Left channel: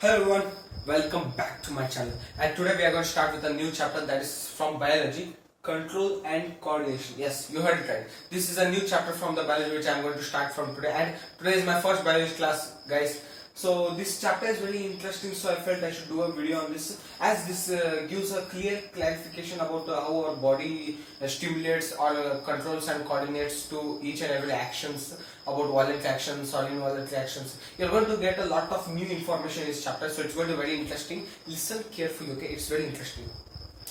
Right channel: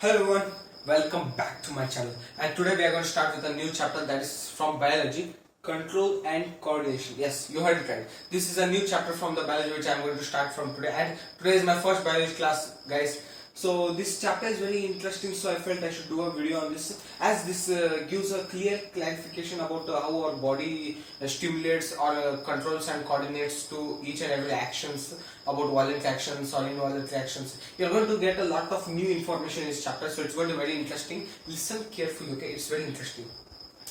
Hello everyone, welcome back to my channel, and today we are going to start with a new chapter that is from biology, control and coordination. Yes, you heard it right. This is a new chapter from the biology which I am going to start from today, and today is my first biology class, guys. So this chapter is very interesting, so I felt I should do a video on this, as this gives a clear clarification about how our body stimulates or controls and coordinates to each and every actions, about violent reactions or inviolent reactions. You're going to get a lot of new information in this chapter, so it's going to be very interesting. Listen carefully, okay? It's very interesting.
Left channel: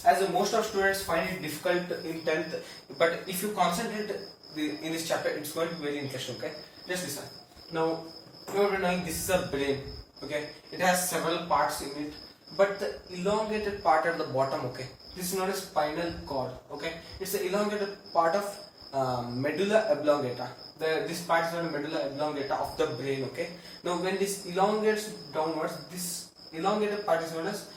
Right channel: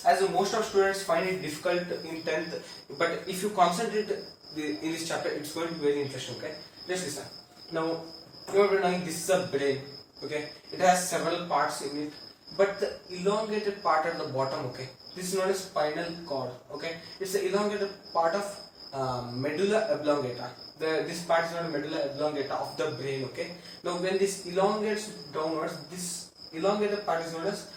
As most of students find it difficult in 10th, but if you concentrate in this chapter, it's going to be very interesting, okay? Just listen. Now, you are knowing this is a brain, okay? It has several parts in it, but the elongated part at the bottom, okay? This is known as spinal cord, okay? It's the elongated part of medulla oblongata. This part is known medulla oblongata of the brain, okay? Now, when this elongates downwards, this elongated part is known as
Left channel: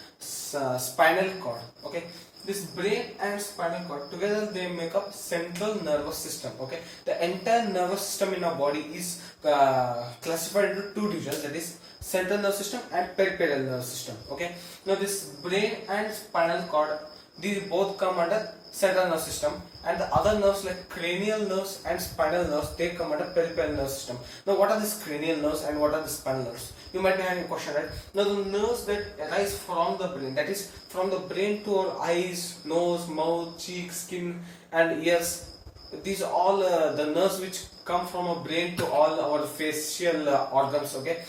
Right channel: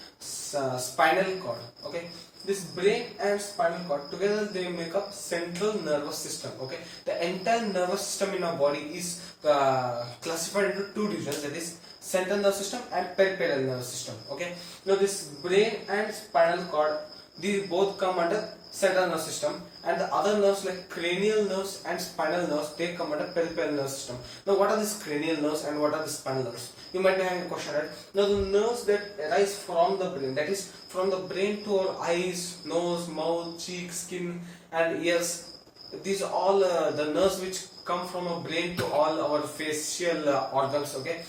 spinal cord, okay? This brain and spinal cord together, they make up central nervous system, okay? The entire nervous system in our body is classified into two divisions, that is central nervous system and peripheral nervous system, okay? Now this brain and spinal cord, these both come under central nervous system, and the other nerves like cranial nerves and spinal nerves, they come under peripheral nervous system. Now what are these cranial nerves and what are the spinal nerves? You might be having a question, right? Now the nerves that arise from the brain, that is from the brain to our eyes, nose, mouth, cheek, skin and ears, these are all the nerves which come from our brain to all our facial organs, okay?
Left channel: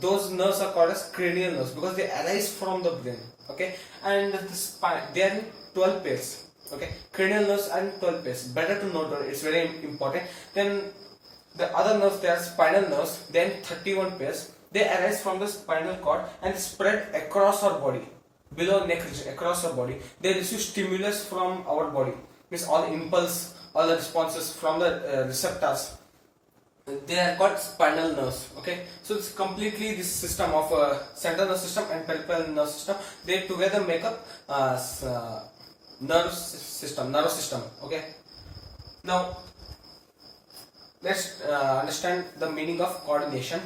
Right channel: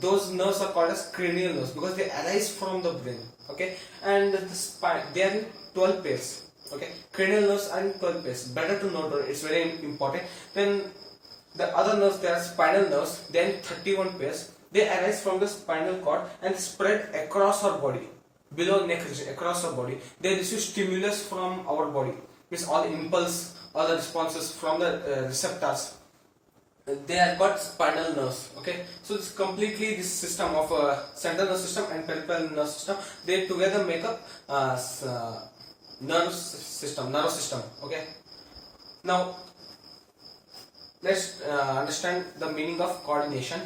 Those nerves are called as cranial nerves because they arise from the brain, okay? And the spine, they are in 12 pairs, okay? Cranial nerves are in 12 pairs. Better to note, it's very important. Then the other nerves, they are spinal nerves, they are in 31 pairs. They arise from the spinal cord and spread across our body, below neck region, across our body. They receive stimulus from our body, means all the impulse, all the responses from the receptors. They are called spinal nerves, okay? So it's completely this system of central nervous system and peripheral nervous system. They together make up nervous system, okay? Now let's understand the meaning of coordination.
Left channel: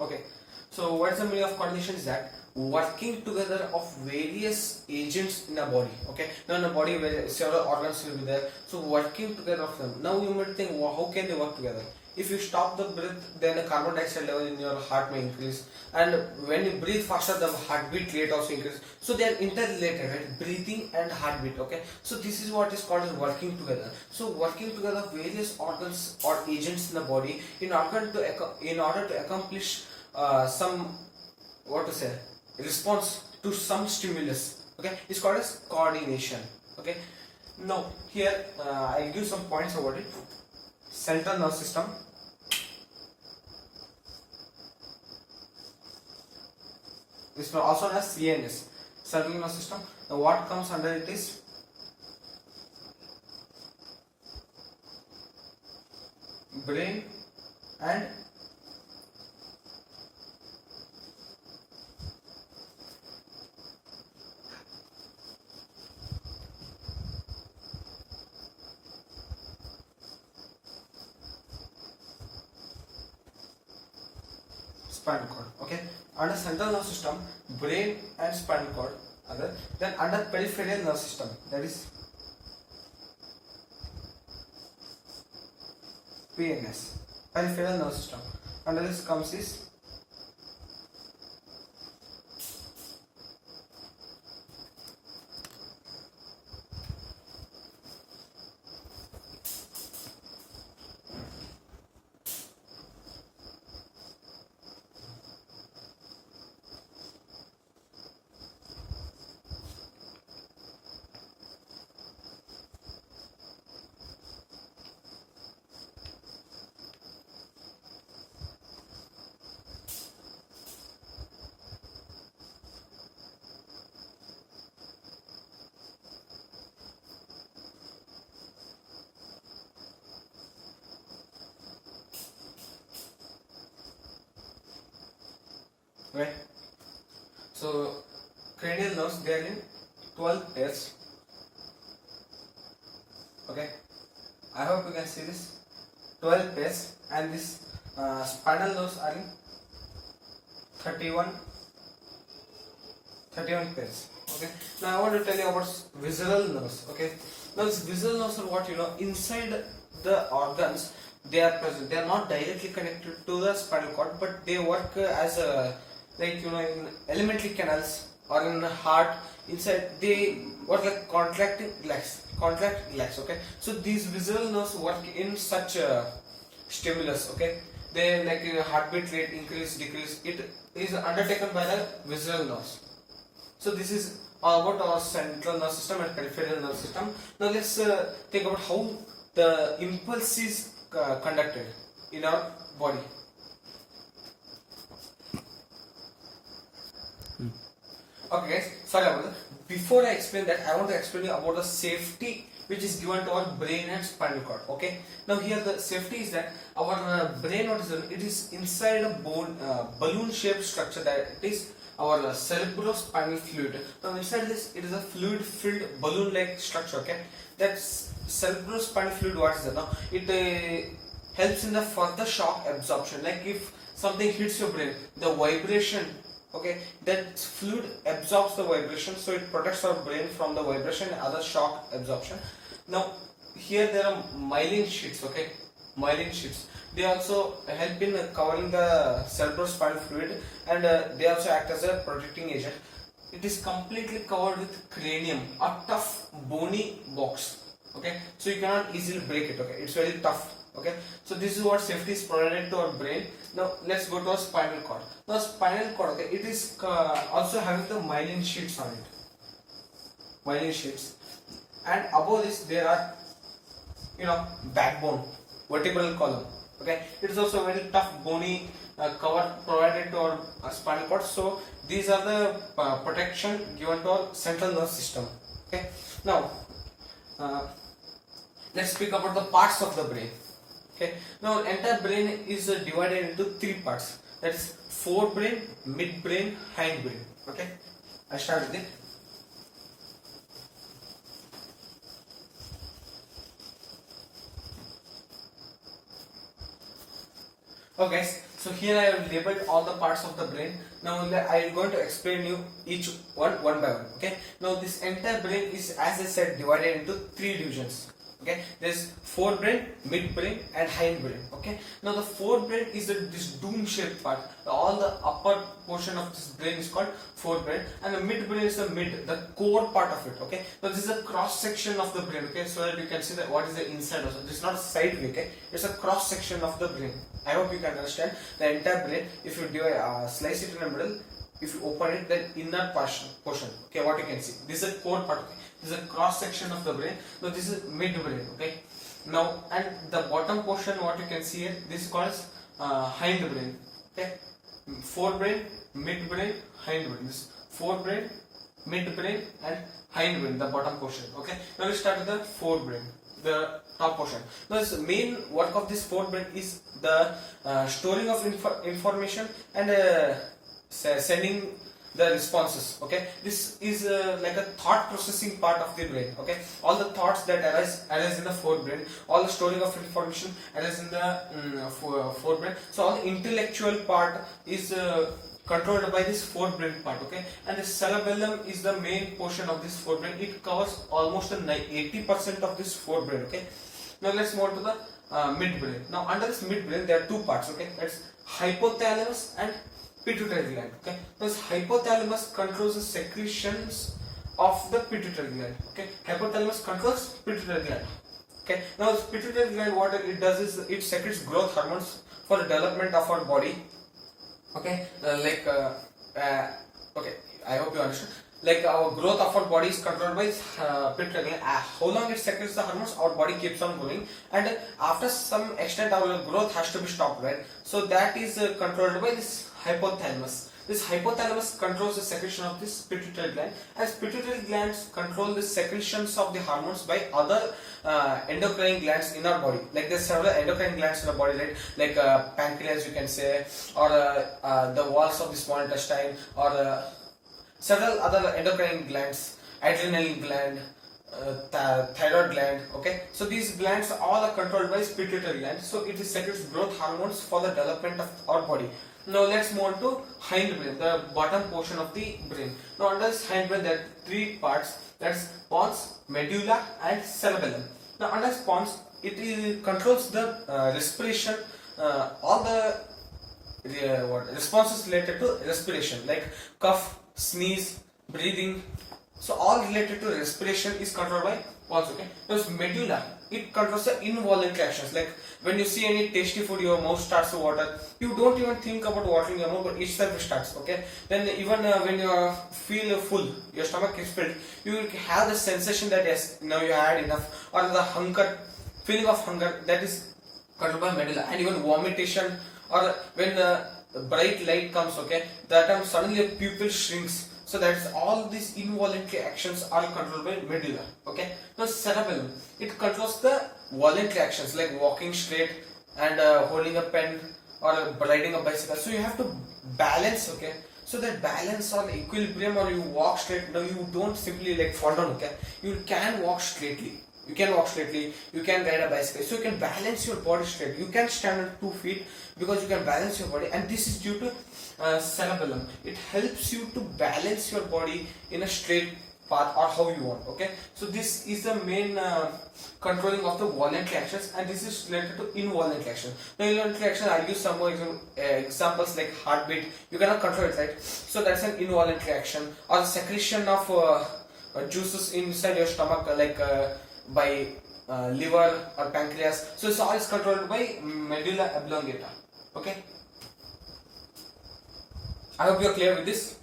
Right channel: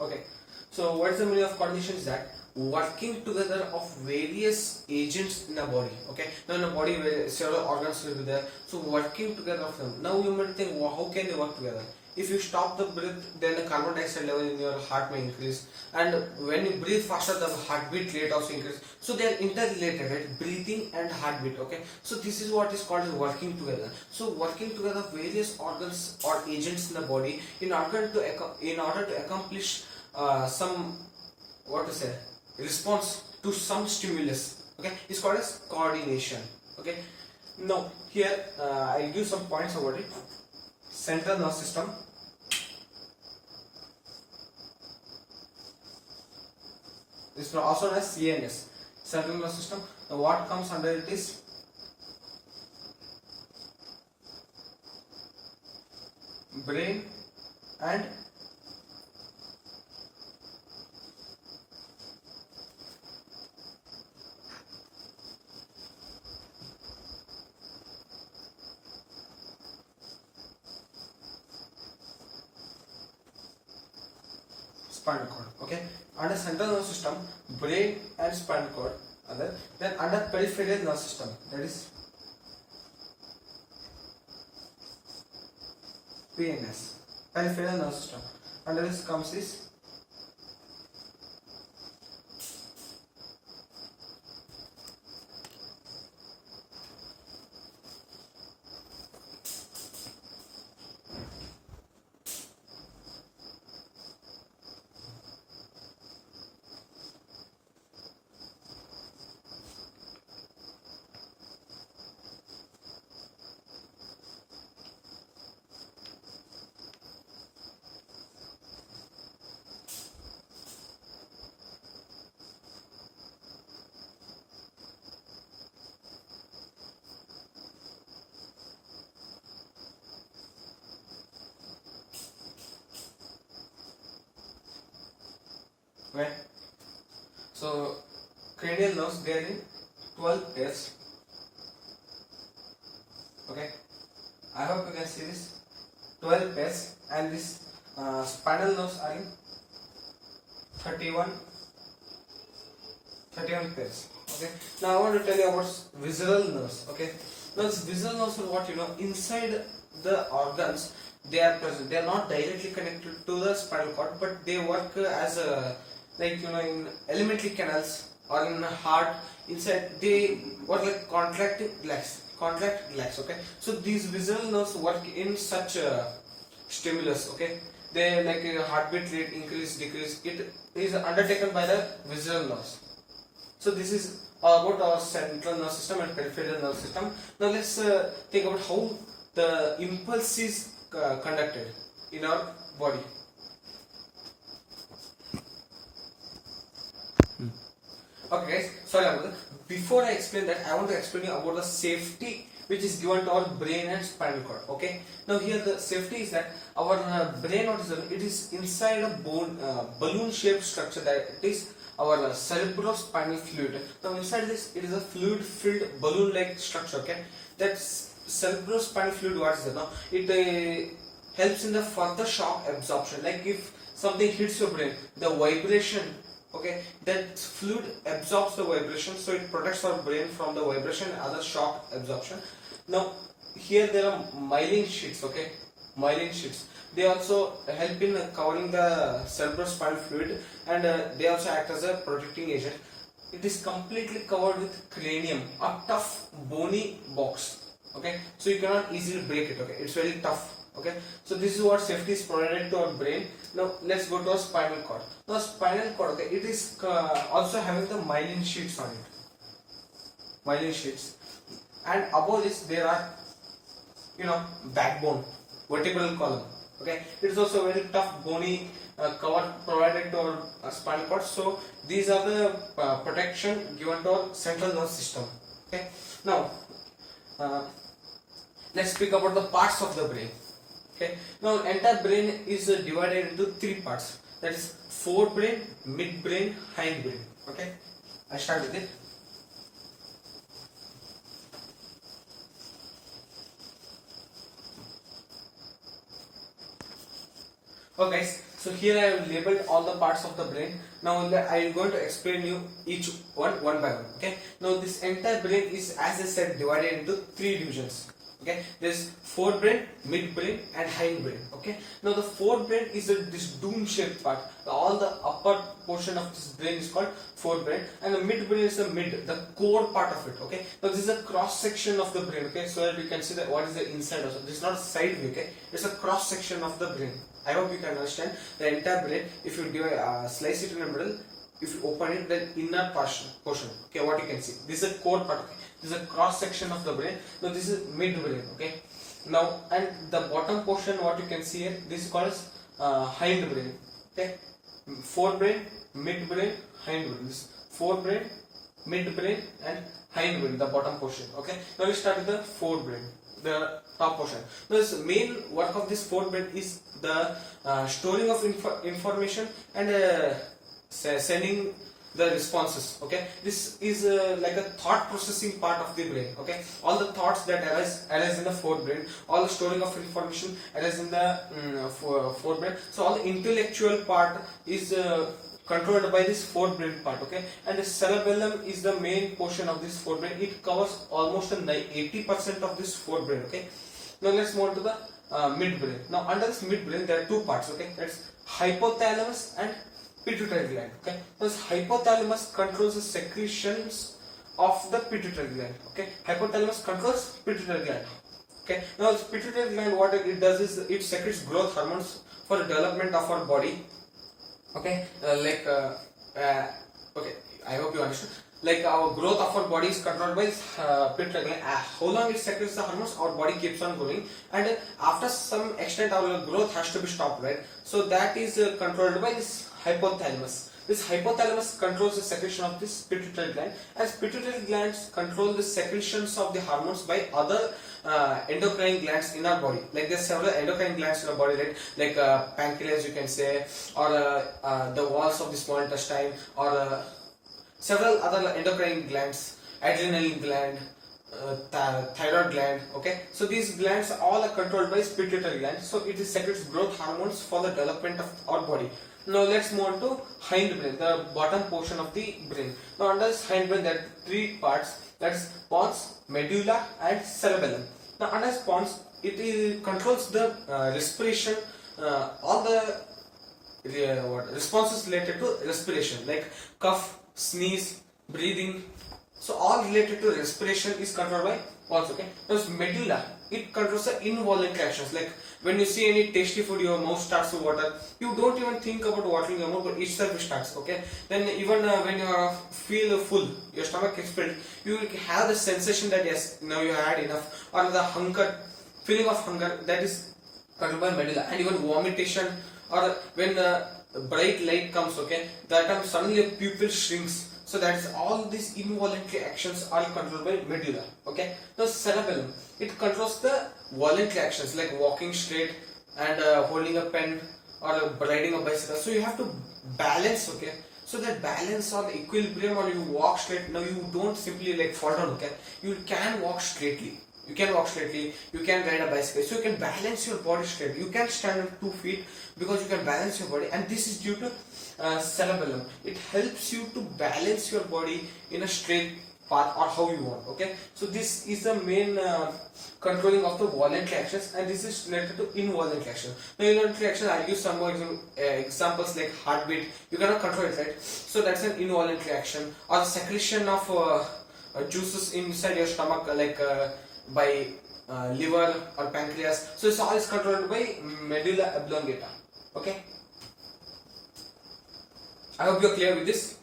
Okay, so what is the meaning of coordination is that working together of various agents in a body, okay? Now in a body where several organs will be there, so working together of them. Now you might think, well, how can they work together? If you stop the breath, then the carbon dioxide level in your heart may increase, and when you breathe faster, the heartbeat rate also increases. So they are interrelated, right? Breathing and heartbeat, okay? So this is what is called as working together. So working together various organs or agents in the body in order to accomplish some, what to say, response to some stimulus, okay? It's called as coordination, okay? Now here I'll give some points about it. Central nervous system, this is also known as CNS, central nervous system. Now what comes under it is brain and spinal cord, okay? Under central nervous system, brain and spinal cord are there. Then under peripheral nervous system, that is PNS, peripheral nervous system. Under this comes this right? So cranial nerves, they are in 12 pairs, okay? I hope you can see this 12 pairs, and this spinal nerves are in 31 pairs. Okay, now I want to tell you about visceral nerves. Okay, now this visceral nerves are what, inside the organs. They are present. They are not directly connected to the spinal cord, but they work as a, like, in alimentary canals or in the heart. Inside they work like contract, relax. Okay, so these visceral nerves work in such a stimulus. Okay, they, like, heartbeat rate increase, decrease. It is undertaken by the visceral nerves. So this is all about our central nervous system and peripheral nervous system. Now let's think about how the impulse is conducted in our body. Okay guys, sorry about that. Before I explain that, I want to explain you about the safety which is given to our brain and spinal cord. Okay, now here the safety is that our brain, what is it is inside a balloon shaped structure, that it is our cerebrospinal fluid. Now inside this, it is a fluid filled balloon like structure. Okay, that's cerebrospinal fluid. What is that? Now it helps in the further shock absorption. Like if something hits your brain, the vibration, okay, that fluid absorbs the vibration, so it protects our brain from the vibration and other shock absorption. Now here there are myelin sheets. Okay, myelin sheets, they also help in covering the cerebrospinal fluid, and they also act as a protecting agent. It is completely covered with cranium, a tough bony box. Okay, so you cannot easily break it. Okay, it's very tough. Okay, so this is what safety is provided to our brain. Now let's go to our spinal cord. Now spinal cord, okay, it is also having the myelin sheets on it, myelin sheets, and above this there are, backbone, vertebral column. Okay, it is also very tough bony cover provided to our spinal cord. So these are the protection given to our central nervous system. Okay, now let's speak about the parts of the brain. Okay, now entire brain is divided into three parts, that is forebrain, midbrain, hindbrain. Okay, I start with it. Okay guys, so here I have labeled all the parts of the brain. Now I am going to explain you each one by one. Okay, now this entire brain is, as I said, divided into three divisions. Okay, there's forebrain, midbrain, and hindbrain. Okay, now the forebrain is this dome-shaped part. All the upper portion of this brain is called forebrain, and the midbrain is the core part of it. Okay, now this is a cross section of the brain. Okay, so that you can see that what is the inside also. This is not a side view. Okay, it's a cross section of the brain. I hope you can understand the entire brain. If you slice it in the middle, if you open it, then inner portion. Okay, what you can see. This is the core part. Okay. This is a cross section of the brain. Now this is midbrain. Okay. Now, and the bottom portion, what you can see here, this is called as hindbrain. Okay. Forebrain, midbrain, hindbrain. This forebrain, midbrain, and hindbrain, the bottom portion. Okay. Now we start with the forebrain, the top portion. Now the main work of this forebrain is the storing of information and sending the responses. Okay, this is like a thought processing part of the brain. Okay, all the thoughts that arise in the forebrain, all the storing of information arise in the forebrain. So all the intellectual part is controlled by this forebrain part. Okay, and the cerebellum is the main portion of this forebrain. It covers almost 80% of this forebrain. Okay, now let's move on to the midbrain. Now under this midbrain there are two parts. Okay, that's hypothalamus and pituitary gland. Okay, this hypothalamus controls the secretions of the pituitary gland. Okay, hypothalamus controls pituitary gland. Okay, now this pituitary gland, what it does is it secretes growth hormones for the development of our body. Okay, okay, I hope you understand. Like our growth of our body is controlled by pituitary gland. How long it secretes the hormones, our body keeps on growing, and after some extent our growth has to be stopped, right? So that is controlled by this hypothalamus. This hypothalamus controls the secretion of this pituitary gland, as pituitary glands control the secretions of the hormones by other endocrine glands in our body. Like there's several endocrine glands in our body, right? Like pancreas, you can say, or the walls of the small intestine, or several other endocrine glands, adrenal gland, thyroid gland. Okay, so these glands all are controlled by pituitary gland, so it is secretes growth hormones for the development of our body. Now let's move on to hindbrain, the bottom portion of the brain. Now under this hindbrain there are three parts, that's pons, medulla and cerebellum. Now under pons it controls the respiration, all the responses related to respiration like cough, sneeze, breathing. So all related to respiration is controlled by pons. Okay. There's medulla. It controls the involuntary actions. Like when you see any tasty food, your mouth starts to water. You don't even think about watering your mouth, but itself starts. Okay. Then even when you feel full, your stomach is filled, you will have the sensation that yes, now you had enough, or the hunger, feeling of hunger, that is controlled by medulla. And even vomitation, or when bright light comes, okay, that time suddenly your pupil shrinks. So that's all these involuntary actions are controlled by medulla. Okay. The cerebellum, it controls the voluntary actions like walking straight and holding a pen or riding a bicycle. So you have to balance. Okay. So that balance or equilibrium, or you walk straight. Now you don't simply like fall down. Okay. You can walk straightly. You can walk straightly, you can ride a bicycle, so you can balance your body straight. You can stand on 2 feet because you can balance your body, and this is due to cerebellum. It helps you to balance your body in a straight path or how you want. Okay, so this is the main controlling of the voluntary actions, and this is related to involuntary action. Now involuntary action, I'll give some more examples like heartbeat. You cannot control it, right? So that's an involuntary action. Or the secretion of juices inside your stomach, like by liver or pancreas. So this all is controlled by medulla oblongata. Okay, I hope you are clear with this.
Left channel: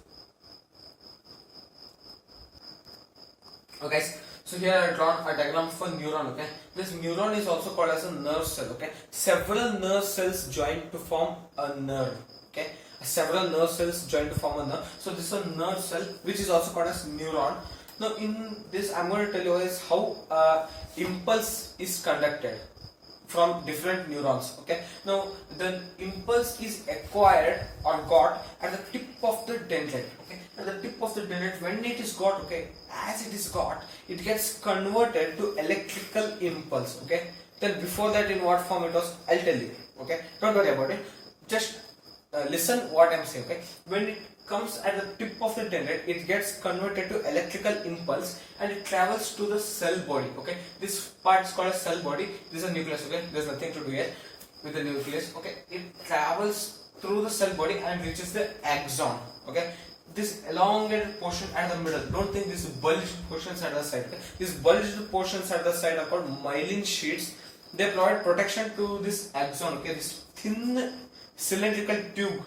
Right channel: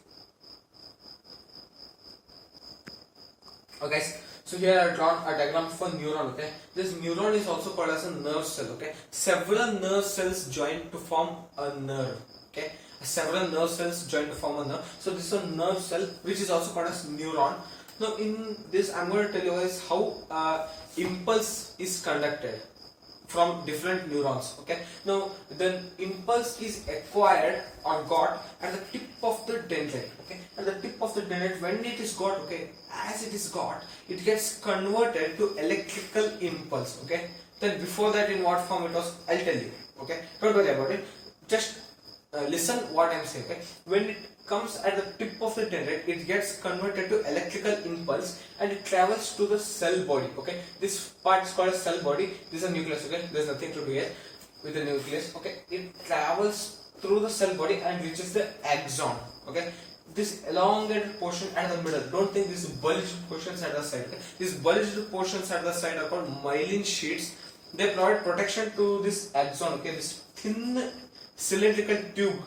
Okay, so here I have drawn a diagram for neuron. Okay, this neuron is also called as a nerve cell. Okay, several nerve cells join to form a nerve. Okay, several nerve cells join to form a nerve. So this is a nerve cell which is also called as neuron. Now in this I'm going to tell you is how impulse is conducted from different neurons. Okay, now the impulse is acquired or got at the tip of the dendrite. Okay, at the tip of the dendrite, when it is got, okay, as it is got, it gets converted to electrical impulse. Okay, then before that in what form it was, I'll tell you. Okay, don't worry about it, just listen what I'm saying. Okay, when it comes at the tip of the dendrite, it gets converted to electrical impulse and it travels to the cell body. Okay, this part is called a cell body. This is a nucleus. Okay, there's nothing to do here with the nucleus. Okay, it travels through the cell body and reaches the axon. Okay, this elongated portion at the middle, don't think these bulged portions at the side. Okay? These bulged portions at the side are called myelin sheaths. They provide protection to this axon. Okay, this thin cylindrical tube,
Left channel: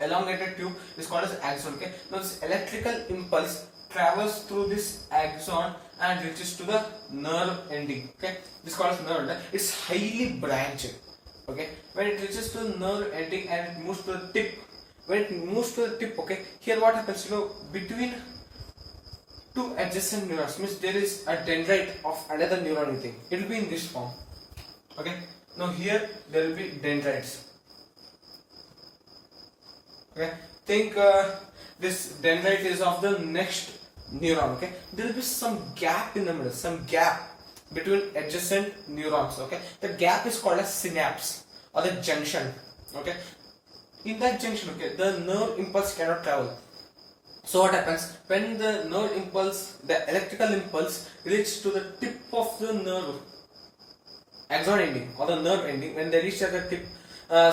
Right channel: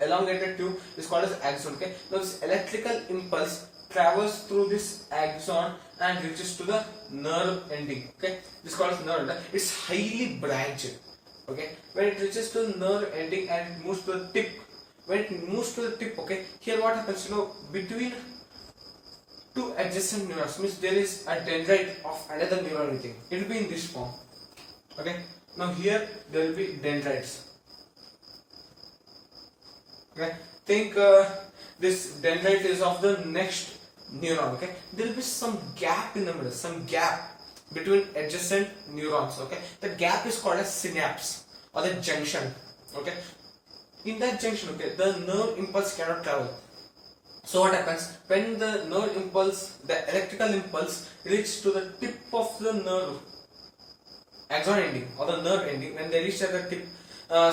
elongated tube, is called as axon. Okay, now this electrical impulse travels through this axon and reaches to the nerve ending. Okay, this is called as nerve. It's highly branched. Okay, when it reaches to the nerve ending and it moves to the tip, when it moves to the tip, okay, here what happens, between two adjacent neurons, means there is a dendrite of another neuron. You think it will be in this form. Okay, now here there will be dendrites. Okay, think this dendrite is of the next neuron. Okay, there will be some gap in the middle, some gap between adjacent neurons. Okay, the gap is called as synapse or the junction. Okay, in that junction, okay, the nerve impulse cannot travel. So what happens when the nerve impulse, the electrical impulse, reaches to the tip of the nerve axon ending or the nerve ending? When they reach at the tip,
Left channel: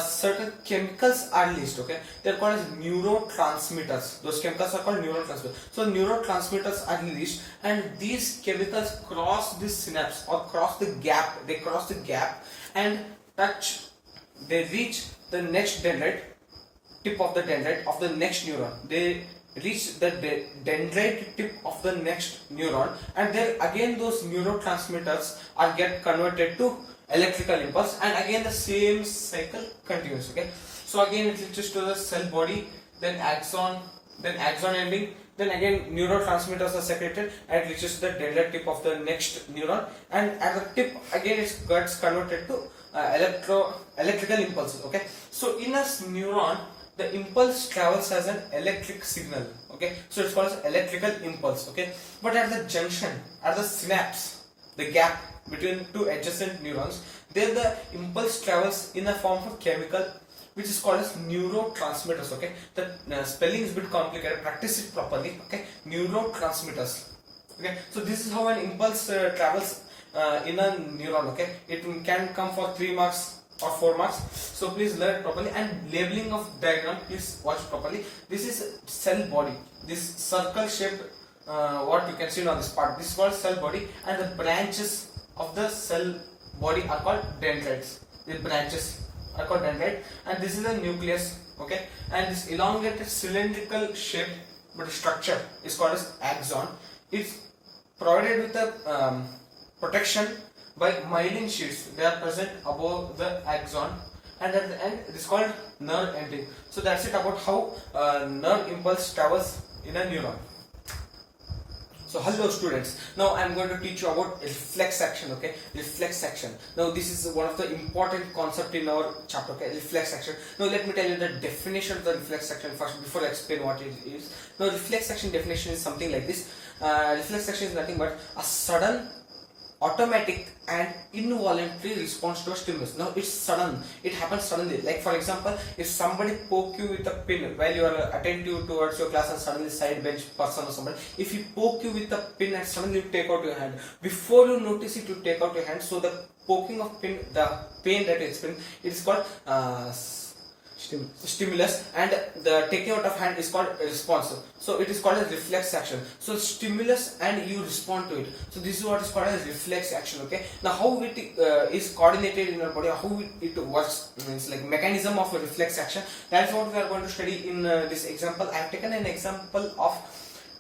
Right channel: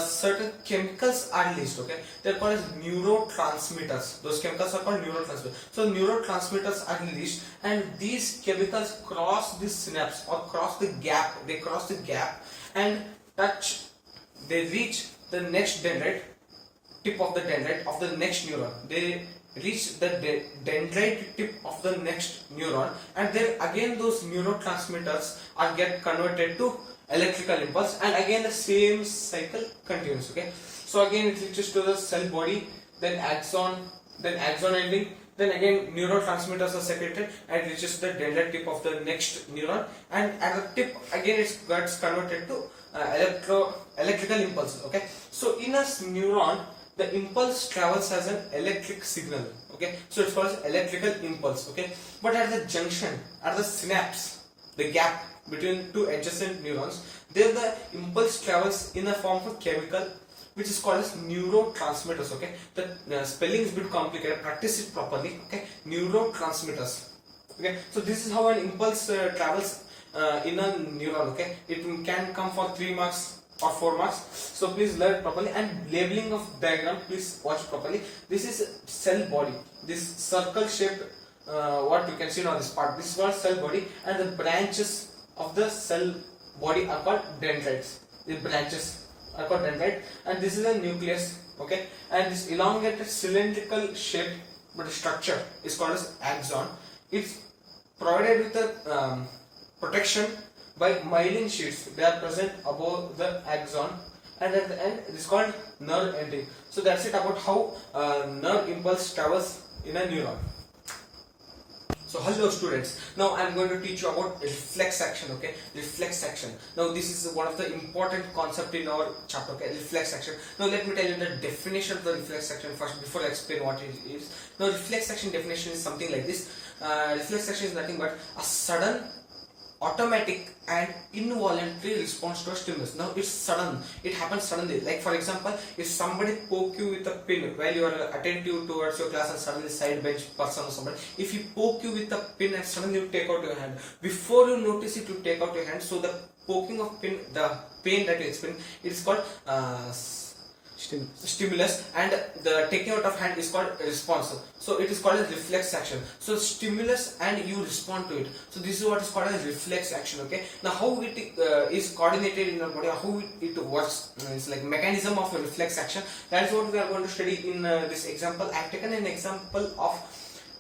certain chemicals are released. Okay, they're called as neurotransmitters. Those chemicals are called neurotransmitters. So neurotransmitters are released, and these chemicals cross this synapse or cross the gap. They cross the gap and touch. They reach the next dendrite, tip of the dendrite of the next neuron. They reach the dendrite tip of the next neuron, and then again those neurotransmitters are get converted to electrical impulse, and again the same cycle continues. Okay, so again it reaches to the cell body, then axon ending, then again neurotransmitters are secreted and it reaches the dendrite tip of the next neuron, and at the tip again it gets converted to electrical impulses. Okay, so in a neuron the impulse travels as an electric signal. Okay, Okay, so it's called as electrical impulse. Okay, but at the junction, at the synapse, the gap between two adjacent neurons, there the impulse travels in a form of chemical which is called as neurotransmitters. Okay, the spelling is a bit complicated, practice it properly. Okay, neurotransmitters. Okay, so this is how an impulse travels in a neuron. Okay, it can come for 3 marks or 4 marks, so please learn properly. And labeling of diagram, please watch properly. This is cell body, this circle shaped what you can see on this part, this is called cell body, and the branches of the cell body are called dendrites. The branches are called dendrite, and this is the nucleus. Okay, and this elongated cylindrical shape but structure is called as axon. It's provided with a protection by myelin sheets. They are present above the axon, and at the end it is called nerve ending. So that's it about how nerve impulse travels in a neuron. So hello students, now I am going to teach you about reflex action. Okay, reflex action. Now this is one of the important concept in our chapter. Okay, reflex action. Now let me tell you the definition of the reflex action first before I explain what it is. Now reflex action definition is something like this. Reflex action is nothing but a sudden, automatic and involuntary response to a stimulus. Now it's sudden, it happens suddenly. Like for example, if somebody poke you with a pin while you are attentive towards your class, and suddenly side bench person or somebody, if he poke you with a pin and suddenly you take out your hand, before you notice it, you take out your hand. So the poking of pin, the pain that you experience, it is called stimulus, and the taking out of hand is called response. So it is called a reflex action. So stimulus and you respond to it. So this is what is called as reflex action. Okay, now how it is coordinated in our body, how it works, it's like mechanism of a reflex action. That is what we are going to study in this example. I have taken an example of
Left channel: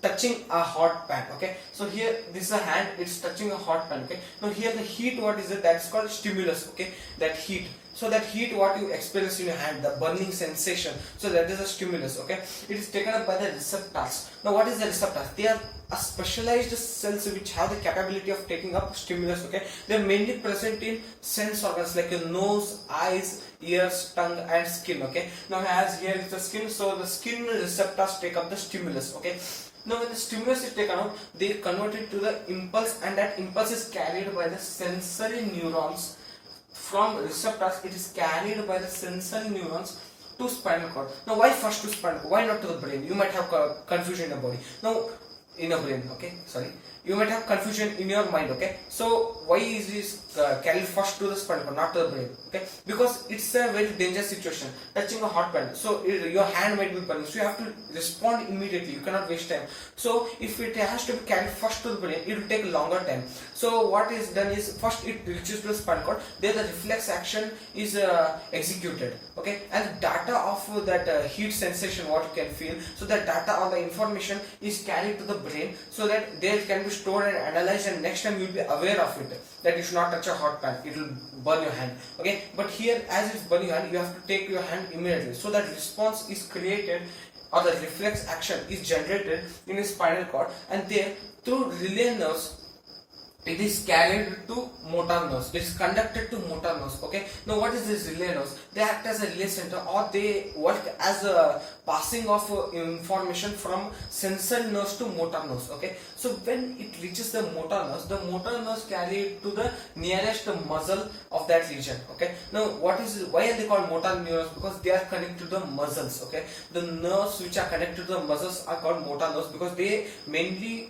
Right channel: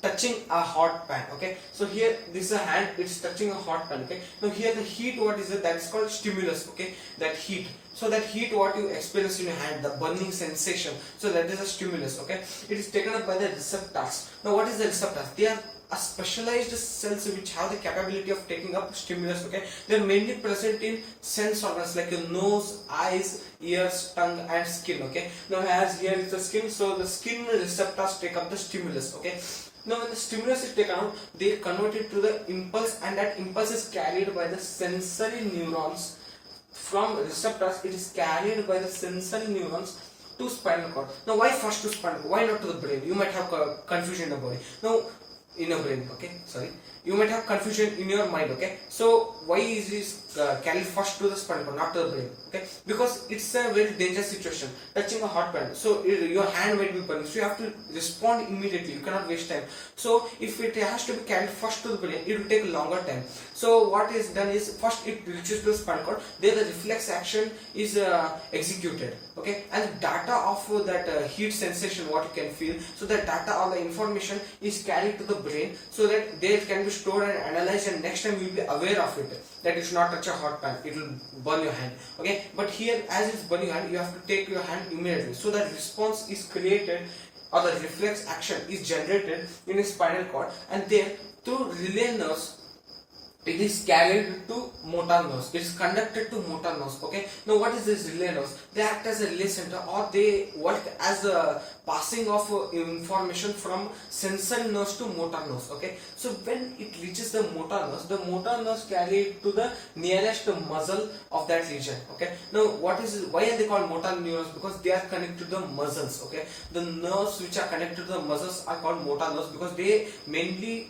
touching a hot pan. Okay, so here this is a hand, it's touching a hot pan. Okay, now here the heat, what is it, that's called stimulus. Okay, that heat, so that heat what you experience in your hand, the burning sensation, so that is a stimulus. Okay, it is taken up by the receptors. Now what is the receptors? They are a specialized cells which have the capability of taking up stimulus. Okay, they are mainly present in sense organs like your nose, eyes, ears, tongue and skin. Okay, now as here is the skin, so the skin receptors take up the stimulus. Okay, now when the stimulus is taken out, they convert it to the impulse, and that impulse is carried by the sensory neurons. From receptors, it is carried by the sensory neurons to spinal cord. Now why first to spinal cord? Why not to the brain? You might have confusion in the body. Now in a brain, okay, sorry, you might have confusion in your mind. Okay, so why is this carried first to the spinal cord, not to the brain? Okay, because it's a very dangerous situation, touching a hot pan, so your hand might be burning, so you have to respond immediately, you cannot waste time. So if it has to be carried first to the brain, it will take a longer time. So what is done is, first it reaches to the spinal cord, there the reflex action is executed. Okay, and the data of that heat sensation what you can feel, so the data or the information is carried to the brain, so that there can be stored and analyzed, and next time you will be aware of it, that you should not touch a hot pan, it will burn your hand. Okay, but here as it's burning your hand, you have to take your hand immediately, so that response is created or the reflex action is generated in a spinal cord, and there through relay nerves it is carried to motor nerves, it is conducted to motor nerves. Okay, now what is this relay nerves? They act as a relay center, or they work as a passing of information from sensory nerves to motor nerves. Okay, so when it reaches the motor nerves carry it to the nearest muscle of that region. Okay, now why are they called motor neurons? Because they are connected to the muscles. Okay, the nerves which are connected to the muscles are called motor nerves, because they mainly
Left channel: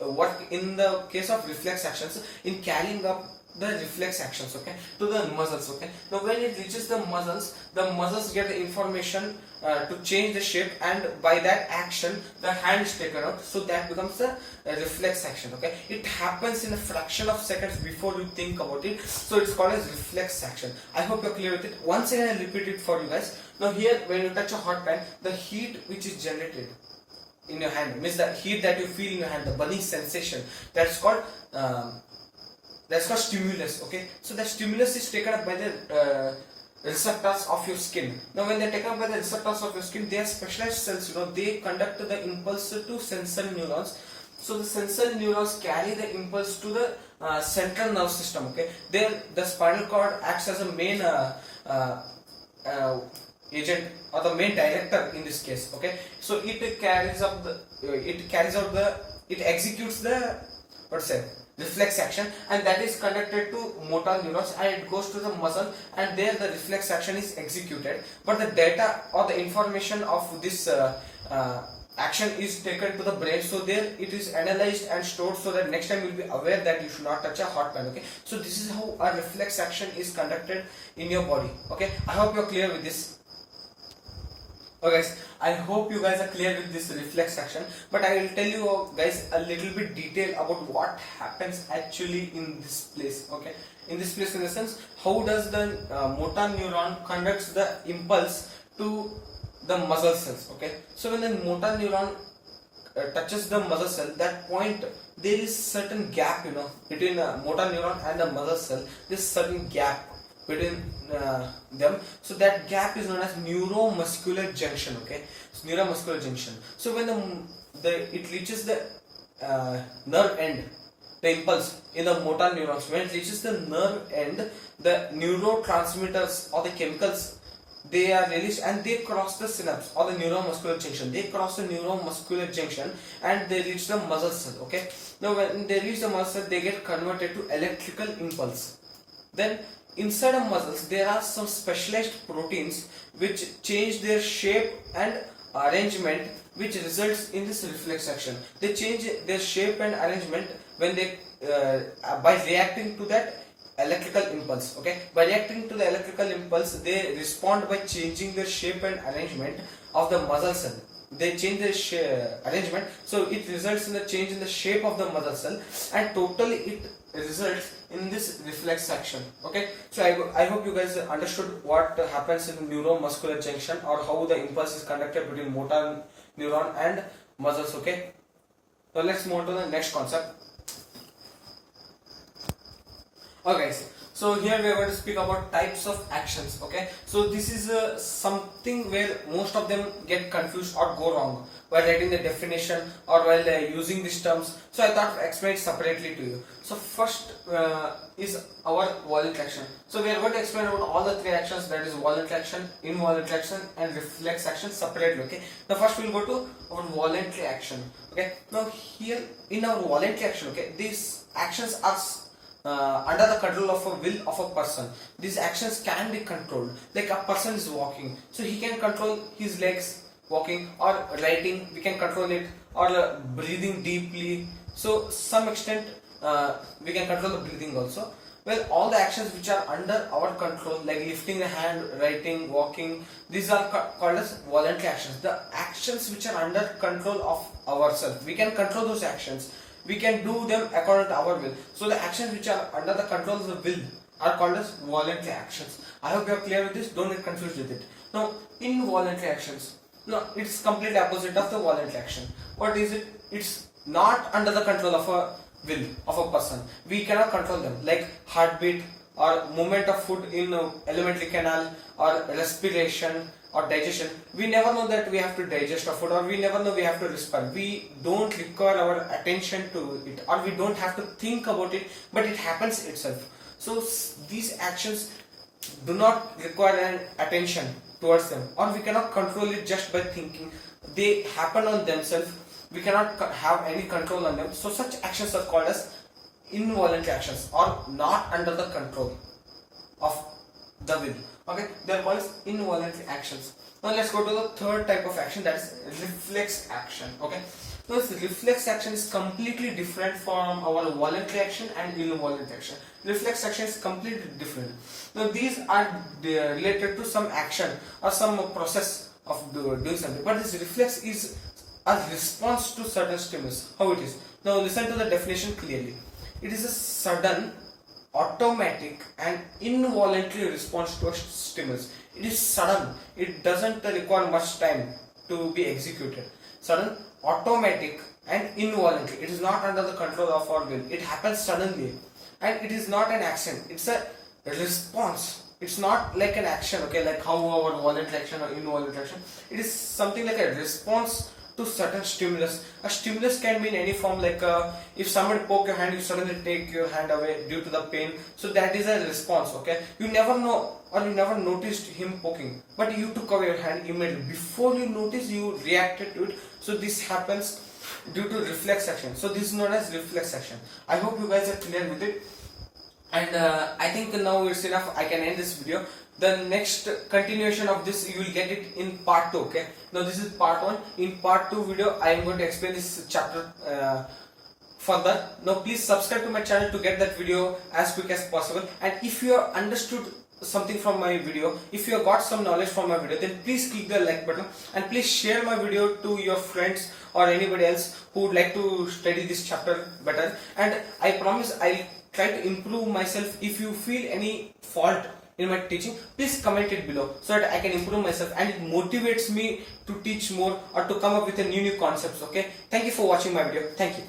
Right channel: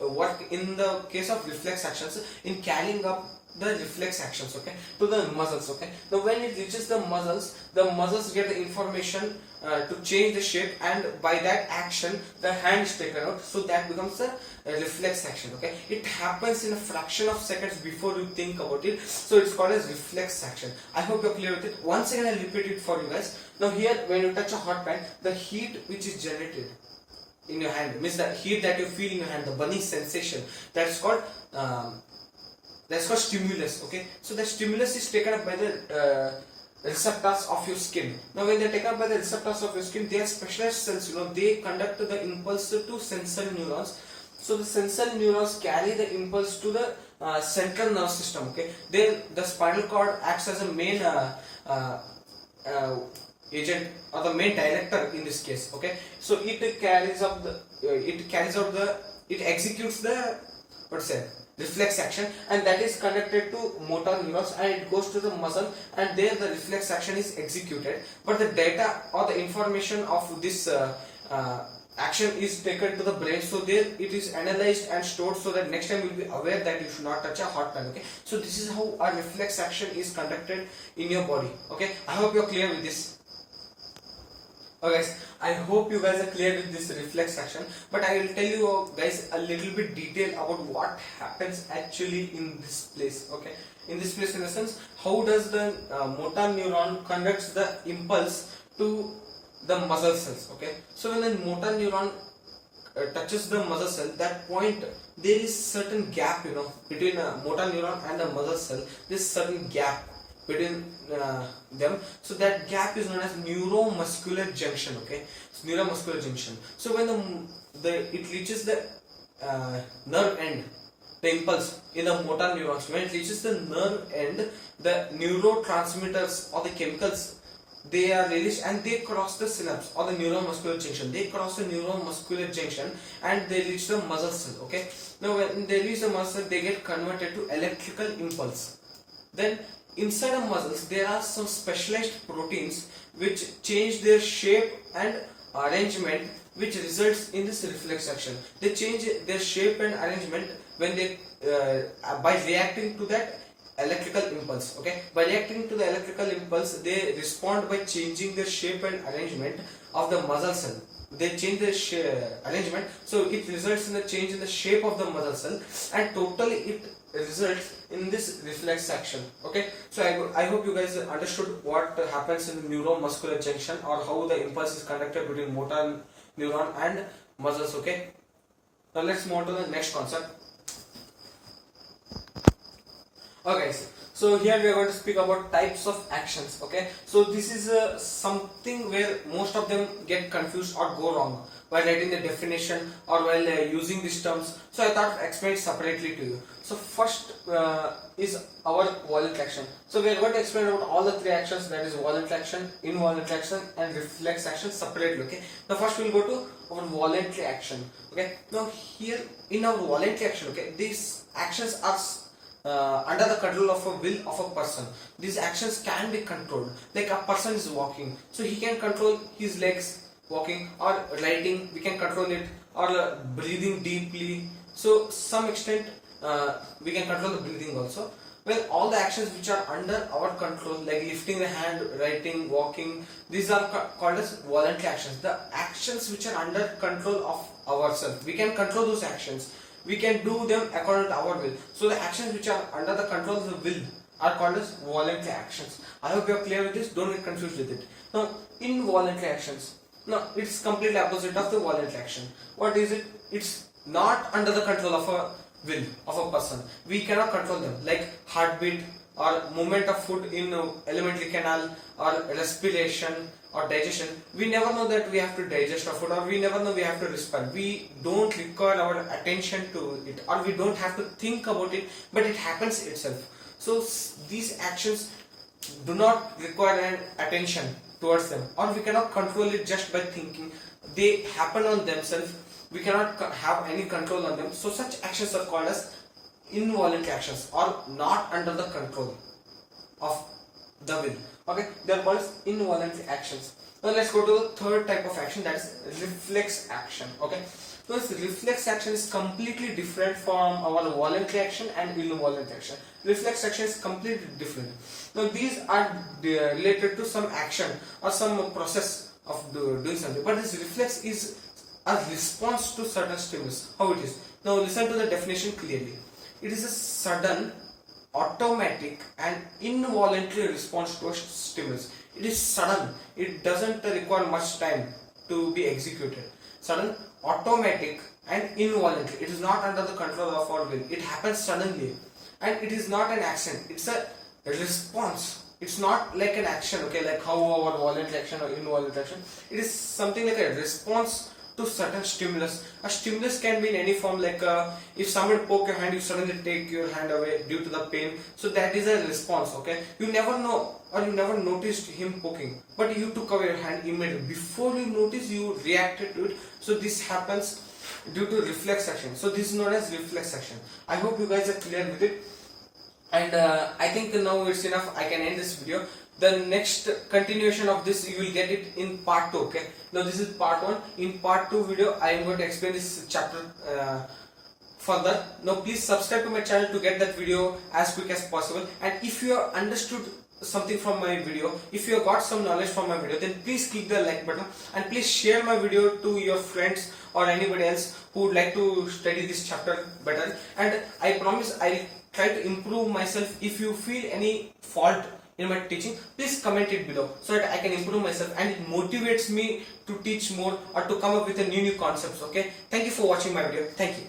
work in the case of reflex actions in carrying up the reflex actions, okay, to the muscles. Okay, now when it reaches the muscles get the information to change the shape, and by that action the hand is taken out, so that becomes a reflex action. Okay, it happens in a fraction of seconds before you think about it, so it's called as reflex action. I hope you're clear with it. Once again I'll repeat it for you guys. Now here when you touch a hot pan, the heat which is generated in your hand, means the heat that you feel in your hand, the burning sensation, that's called stimulus. Okay, so the stimulus is taken up by the receptors of your skin. Now when they're taken up by the receptors of your skin, they are specialized cells, they conduct the impulse to sensory neurons. So the sensory neurons carry the impulse to the central nerve system. Okay, there the spinal cord acts as a main agent or the main director in this case. Okay, so it carries out the it executes the what's say reflex action, and that is connected to motor neurons, and it goes to the muscle, and there the reflex action is executed, but the data or the information of this action is taken to the brain, so there it is analyzed and stored, so that next time you will be aware that you should not touch a hot pan. Okay, so this is how a reflex action is conducted in your body. Okay, I hope you're clear with this. Okay guys, I hope you guys are clear with this reflex action, but I will tell you guys a little bit detail about what happens actually in this place. Okay, in this place, in the sense, how does the motor neuron conducts the impulse to the muscle cells. Okay, so when the motor neuron touches the muscle cell, that point there is certain gap, between a motor neuron and the muscle cell. There is certain gap between them, so that gap is known as neuromuscular junction. Okay, it's neuromuscular junction. So when it reaches the nerve end, the impulse in the motor neurons, when it reaches the nerve end, the neurotransmitters or the chemicals, they are released and they cross the synapse or the neuromuscular junction. They cross the neuromuscular junction and they reach the muscle cell. Okay, now when they reach the muscle cell, they get converted to electrical impulse. Then inside of muscles there are some specialized proteins which change their shape and arrangement, which results in this reflex action. They change their shape and arrangement when they by reacting to that electrical impulse. Okay, by reacting to the electrical impulse, they respond by changing the shape and arrangement of the muscle cell. They change their arrangement, so it results in a change in the shape of the muscle cell, and totally it results in this reflex action. Okay, so I hope you guys understood what happens in the neuromuscular junction, or how the impulse is conducted between motor neuron and muscles. Okay, now let's move on to the next concept. Okay, so here we are going to speak about types of actions. Okay, so this is something where most of them get confused or go wrong while writing the definition or while using these terms. So I thought of explain it separately to you. So first is our voluntary action. So we are going to explain about all the three actions, that is voluntary action, involuntary action and reflex action separately. Okay, now first we will go to our voluntary action. Okay, now here in our voluntary action, okay, these actions are under the control of a will of a person. These actions can be controlled. Like a person is walking, so he can control his legs walking, or writing, we can control it, or breathing deeply. So some extent we can control the breathing also. Well, all the actions which are under our control, like lifting the hand, writing, walking, these are called as voluntary actions. The actions which are under control of ourselves, we can control those actions. We can do them according to our will. So the actions which are under the control of the will are called as voluntary actions. I hope you are clear with this. Don't get confused with it. Now, involuntary actions. No, it's completely opposite of the voluntary action. What is it? It's not under the control of a will of a person. We cannot control them, like heartbeat or movement of food in alimentary canal, or respiration or digestion. We never know that we have to digest our food, or we never know we have to respire. We don't require our attention to it, or we don't have to think about it, but it happens itself. So these actions do not require an attention towards them, or we cannot control it just by thinking. They happen on themselves. We cannot have any control on them. So such actions are called as involuntary actions, or not under the control of the will. Okay, they are called as involuntary actions. Now let's go to the third type of action, that is reflex action. Okay, so this reflex action is completely different from our voluntary action and involuntary action. Reflex action is completely different. Now these are related to some action or some process of doing something, but this reflex is a response to certain stimulus. How it is? Now listen to the definition clearly. It is a sudden, automatic and involuntary response to a stimulus. It is sudden. It doesn't require much time to be executed. Sudden, automatic and involuntary. It is not under the control of our will. It happens suddenly, and it is not an action. It's a response. It's not like an action. Okay, like how our voluntary action or involuntary action. It is something like a response to certain stimulus. A stimulus can be in any form, like if somebody poke your hand, you suddenly take your hand away due to the pain. So that is a response, okay? You never know or you never noticed him poking, but you took away your hand immediately. Before you notice, you reacted to it. So this happens due to reflex action. So this is known as reflex action. I hope you guys are clear with it. And I think now it's enough. I can end this video. The next continuation of this you will get it in part 2, okay? Now this is part 1. In part 2 video I am going to explain this chapter further. Now please subscribe to my channel to get that video as quick as possible. And if you have understood something from my video, if you have got some knowledge from my video, then please click the like button and please share my video to your friends or anybody else who would like to study this chapter better. And I promise I try to improve myself. If you feel any fault in my teaching, please comment it below so that I can improve myself, and it motivates me to teach more or to come up with a new concepts, okay? Thank you for watching my video. Thank you.